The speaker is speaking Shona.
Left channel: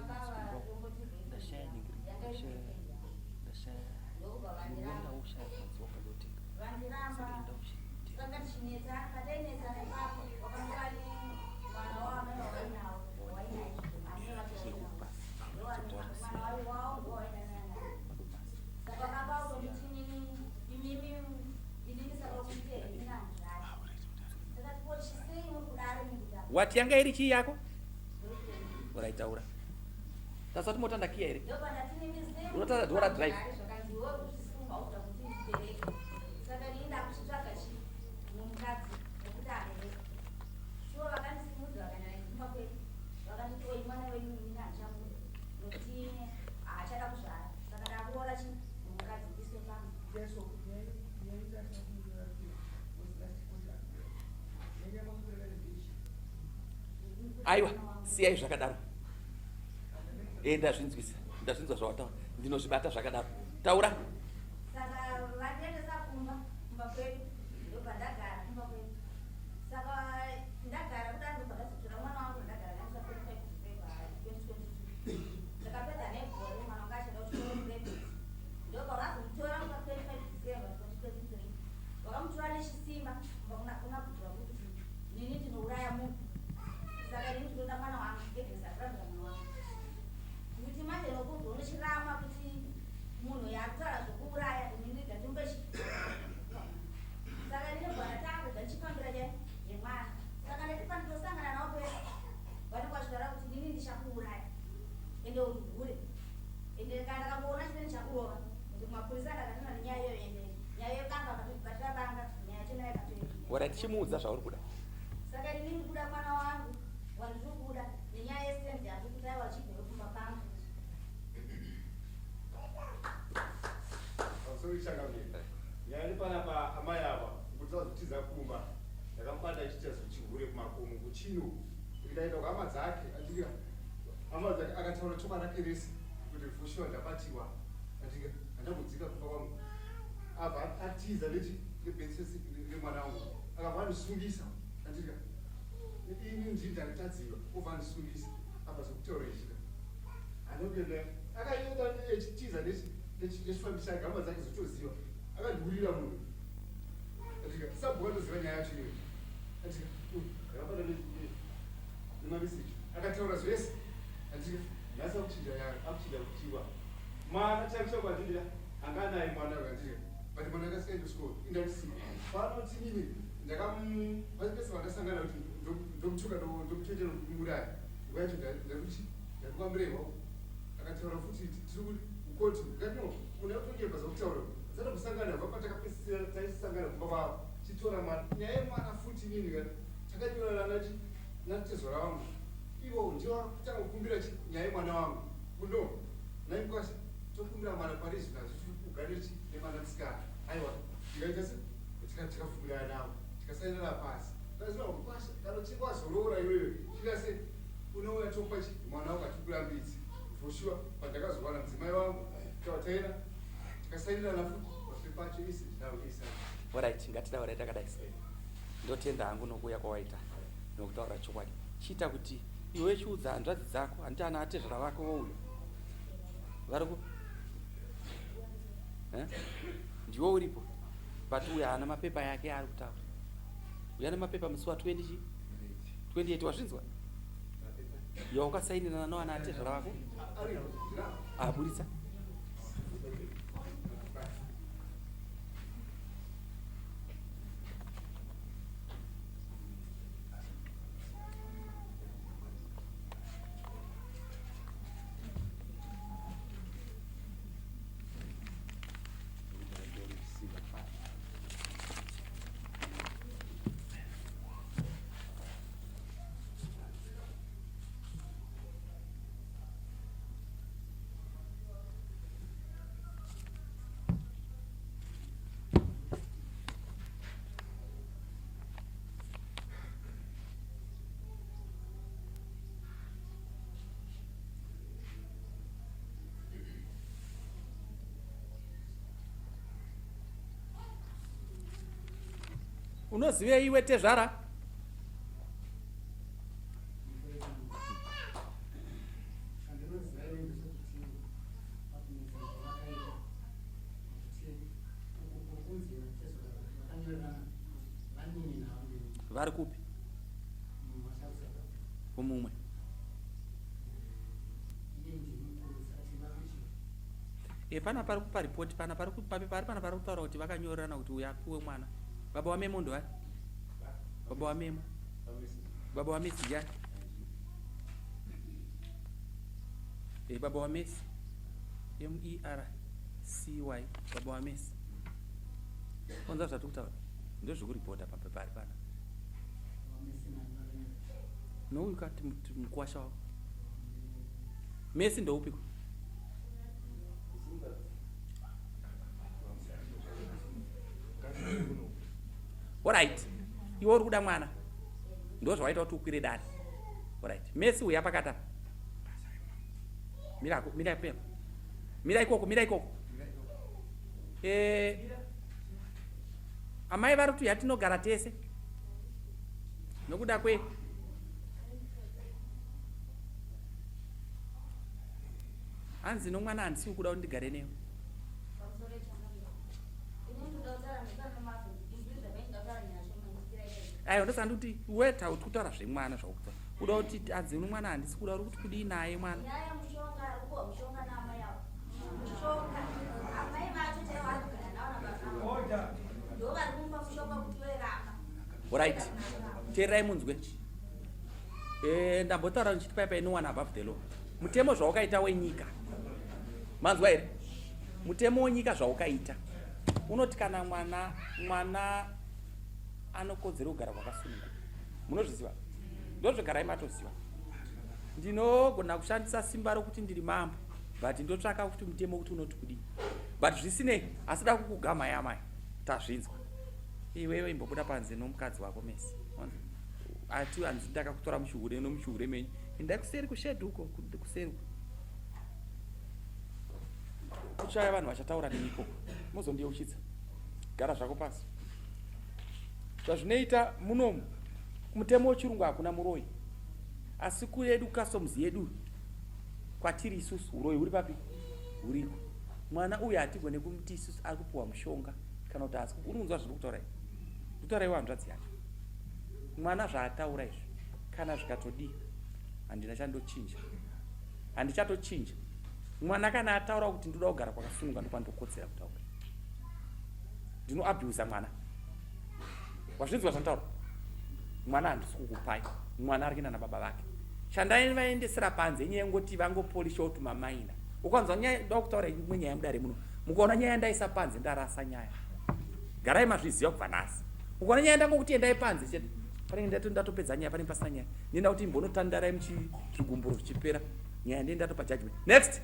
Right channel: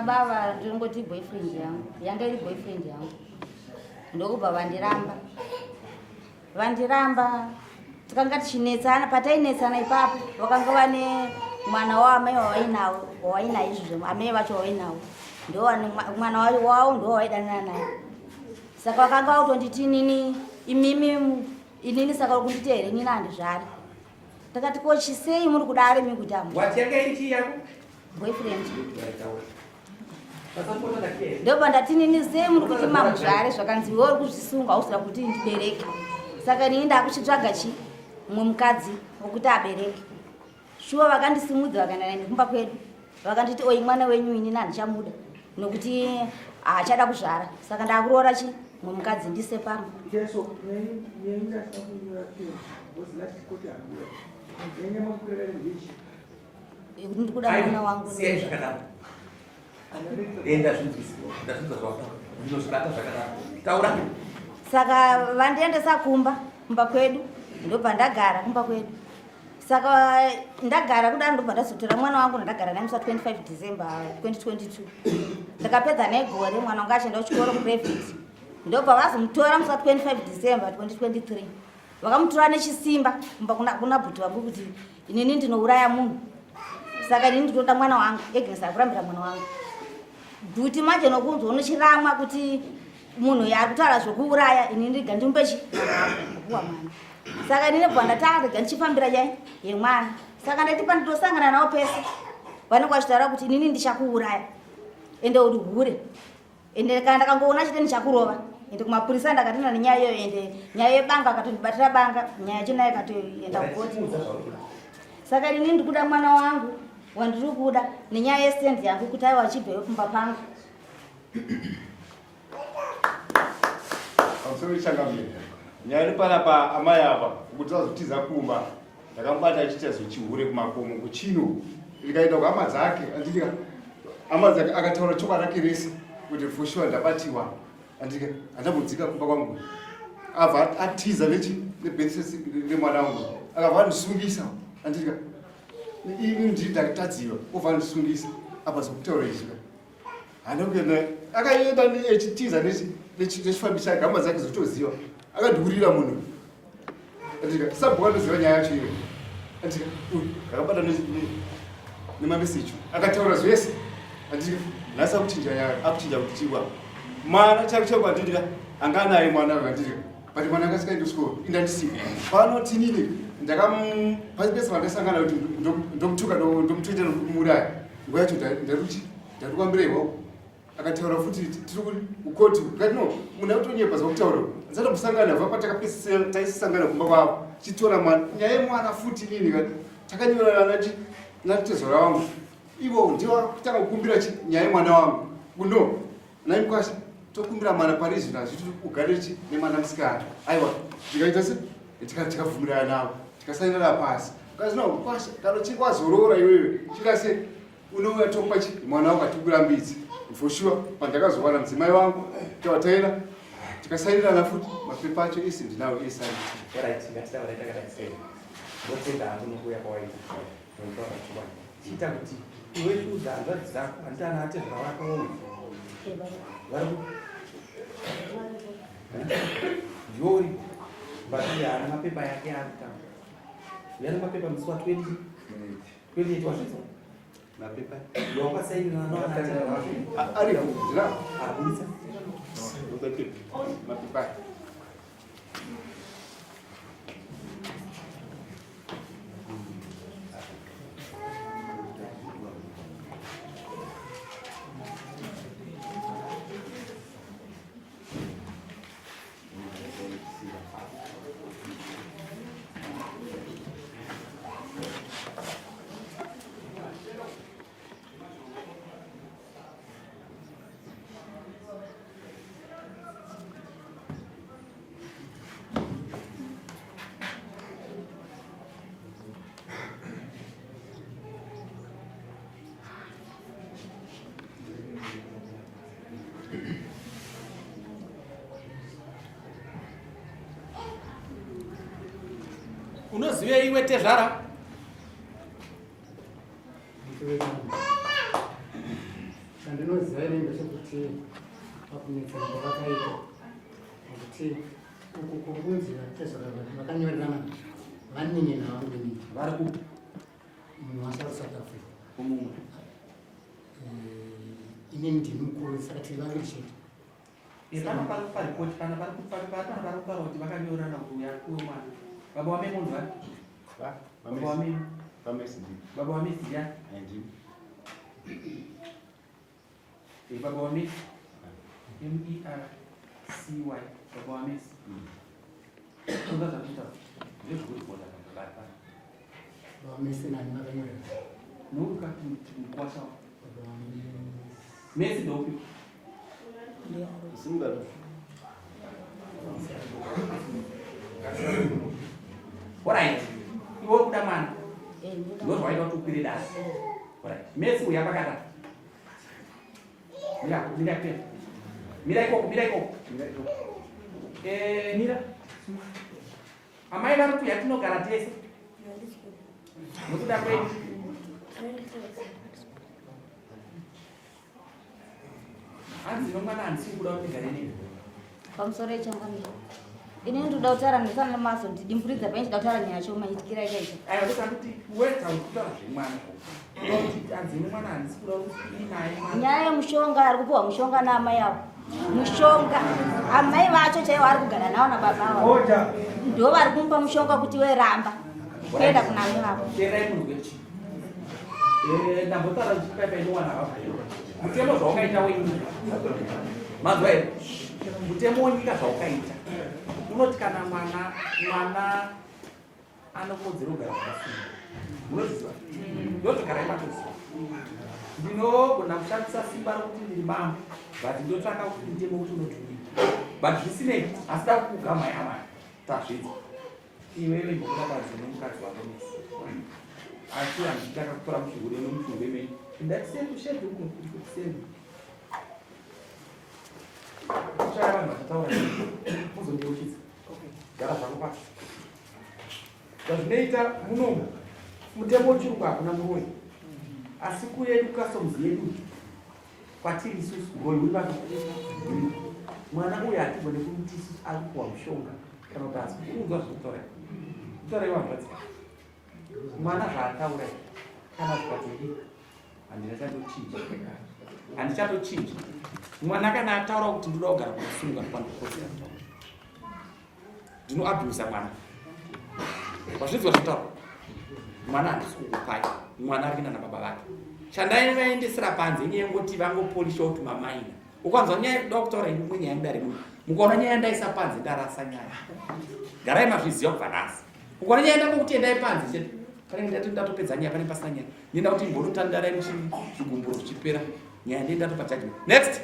baba ndingoti boyfriend yangu yanga iri boyfriend yangu ndokubva vandiramba tikanga tichinetsana patainetsana ipapo vakanga vane mwana waamai wawainawo izvozvo amai vacho wawainawo mwana wavo ndo wawaidanana naye saka vakanga vautonditi inini saka kunditi here inini handizvari takati kochisei muri kudare mikutamba wati yanga iri chii yako boyfriend ndoba ndati nini sei muri kuti mamuzvare zvakanzi iwe uri kuzvisunga hausira kuti ndibereke saka nini ndakuchitsvaga mumwe mukadzi wokuti abereke shuwa vakandisimudza vakaenda naine kumba kwedu vakanditi oi mwana wenyu inini handichamuda nokuti haachada kuzvara saka ndakuroora mumwe mukadzi ndise pamwe ndikuda mwana wangu saka vandiendesa kumba kwedu ndobva ndagara kumba kwedu saka ndagara kudaro ndobva ndazotora mwana wangu ndagara naye musa 25 December 2022 ndakapedza naye gore mwana wangu achienda kuchikoro kuprivate ndobva vazomutora musa 25 December 2023 vakamutora nechisimba kumba kuna bhuti vangu kuti inini ndinouraya munhu saka inini ndinoda mwana wangu egenesa kurambira mwana wangu bhuti manje nokunzwa unochiramwa kuti munhu yari kutaura zvokuuraya inini ndiga ndimbe kuwa mwana saka inini bva ndatarega ndichifambira chai yemwana saka ndati panditosangana navo pese vanenge vachitaura kuti inini ndichakuuraya ende uri hure ende kana ndakangoona chite ndichakurova ende kumapurisa ndakatina nenyaya iyoyo ende nyaya yebanga akatondibatira banga nyaya chinayo ikatoenda kugoti saka inini ndikuda mwana wangu wandiri kuda nenyaya yesendi yangu kuti aiwa achibveyo kumba pangu nyaya iri panapa amai apa kuti azotiza kumba ndakamubata achiita zochihure kumakomo kuchino ndikaenda kuhama dzake andika hama dzake akataura chokwadi rake rese kuti foshuwa ndabatiwa andika handambodzika kumba kwangu abva atiza nebhesesi remwana wangu akabva andisungisa andika ini ndiri ndakatadziwa obva andisungisa apa zokutaura izvi handakuenda akaenda echitiza nechifambi chake hama dzake zotoziva akandiurira munhu andika sabhuka ndoziva nyaya yacho iyo andika akabata nemameseji akataura zvese andika nhasi akuchinja kuti chiwa mwana chako chako andidika anga anaye mwana andidika but mwana akasikaenda kuchikoro indandisiva pano tinini pasi pese vandasangana kuti ndomutuka ndomutoita nokumuraya nguva yacho ndarikwambira iwako akataura futi tiri kukoti kati no munhu akutonyepa zvakutaura zata kusangana bva patakapesisira taisisangana kumba kwavo chitora mwana nyaya yemwana futi nini kati takanyorana natezora wangu ivo ndiwa kutanga kukumbira nyaya yemwana wangu kuno naimukwasha tokumbira mwana parizvi nazvo tiri kugare nemwana musikana aiwa tikaita se tikabvumirana navo tikasainana pasi kazi no kwasha kana chikwazorora iwewe chikase unouya topa mwana wangu atikurambidzi for sure pandakazowana mudzimai wangu tawataira tikasainirana futi mapepa acho ese ndinawo esai wotenda hangu nokuuya kwawaita notaura chikwadi chiita kuti iwe chiudza hanzvadzi dzako handitana atezvara vako vari ndiwo uri batuya hana mapepa yake ari kutanga yari mapepa musi wa 28 wazvidza mapepa yawakasainirana navanatezvara vako ari kudira abudisa mapepa unoziva iwe tezvara Chandinoziva ine ndechekuti pakunetsa kwavakaita kuti uku kunzi vakanyorerana vanini navangweni vari kupi munhu wasouth Africa umumwe ine ndini mukuru saka tiri vaviri chete. pana paripoti pana pari kutaura kuti vakanyorerana kuti uya kuwe mwana baba wamemo ndowani baba wamemo baba wamesi ya baba wamesi MERCY baba wamesi unga zvakutaura ndezvokuti bota pambabari pana Vamesi nani vakanyorera noukati mukwashawo Messi ndoupi alright iwe uri kuda mwana ndozvaita kuti ukwire dare alright Messi uya pakata mira ikoko mira amai vari kuti yatinogara tese nokuda kwedu hanzi nomwana handisi kuda kuti ndigare nemi pamusoro echangamira ini ndoda kutaura ndisana maso ndidimburidza pai ndida kutaura nyaya choma itikira ikaita aiwa ndosaka kuti wetauri kutaura zvemwana zvauti hanzi nemwana handisi kuda kuti kudii naye mwana nyaya yemushonga ari kupiwa mushonga naamai avo mushonga amai vacho chaivo ari kugara navo nababa avo ndo vari kumupa mushonga kuti weramba kuenda kunamai vavo teerai munzwe chi ndambotaura ndichipaipai nowana havabvero mutemo zvaukaita wenyika mazwa here mutemo wenyika zvaukaita unoti kana mwana anokodzera kugara zvakafunga munoziva ndozvogarai matoziva ndinogona kushandisa simba rokuti ndiri mambo but ndotsvaka kuti mutemo kuti unotudi but zvisinei asida kukugama yamai tazvidza iwewe imbokuda panze nomukadzi wako mesi ati handichitaka kutora mushungure nomushungure menyu ndatiseni kushedu uko kuseni kushaya vanhu vachataura muzondeuchidza gara zvako pasi zvazvinoita munomu mutemo wechirungu hakuna muroi asi kuyedu customs yedu kwatiri isusu roi uri vatu mwana uyu hatigone kuti isusu ari kupuwa mushonga kana kuti asi kuunzwa zvekutaura kutaura iwa hanzvadzika mwana zvaataura kana zvikatodii handichandochinja mwana kana ataura kuti ndoda kugara kusunga pandokotsera kutaura ndinoabhusa mwana vazvidzwa zvitaura mwana handisi kukupai mwana ari kuenda nababa vake shandai vaendesera panze inyaya yengoti vangopolisha kuti mamaina ukwanzwa nyaya yedoda kutaura imwe nyaya mudare muno mukaona nyaya ndaisa panze ndarasa nyaya garai mazviziva kubva nhasi ukaona nyaya ndangokuti endai panze chete panenge ndatopedza nyaya pane pasina nyaya ndenda kuti imbonotandarai muchigumburo zvichipera nyaya ndendatopa judgment next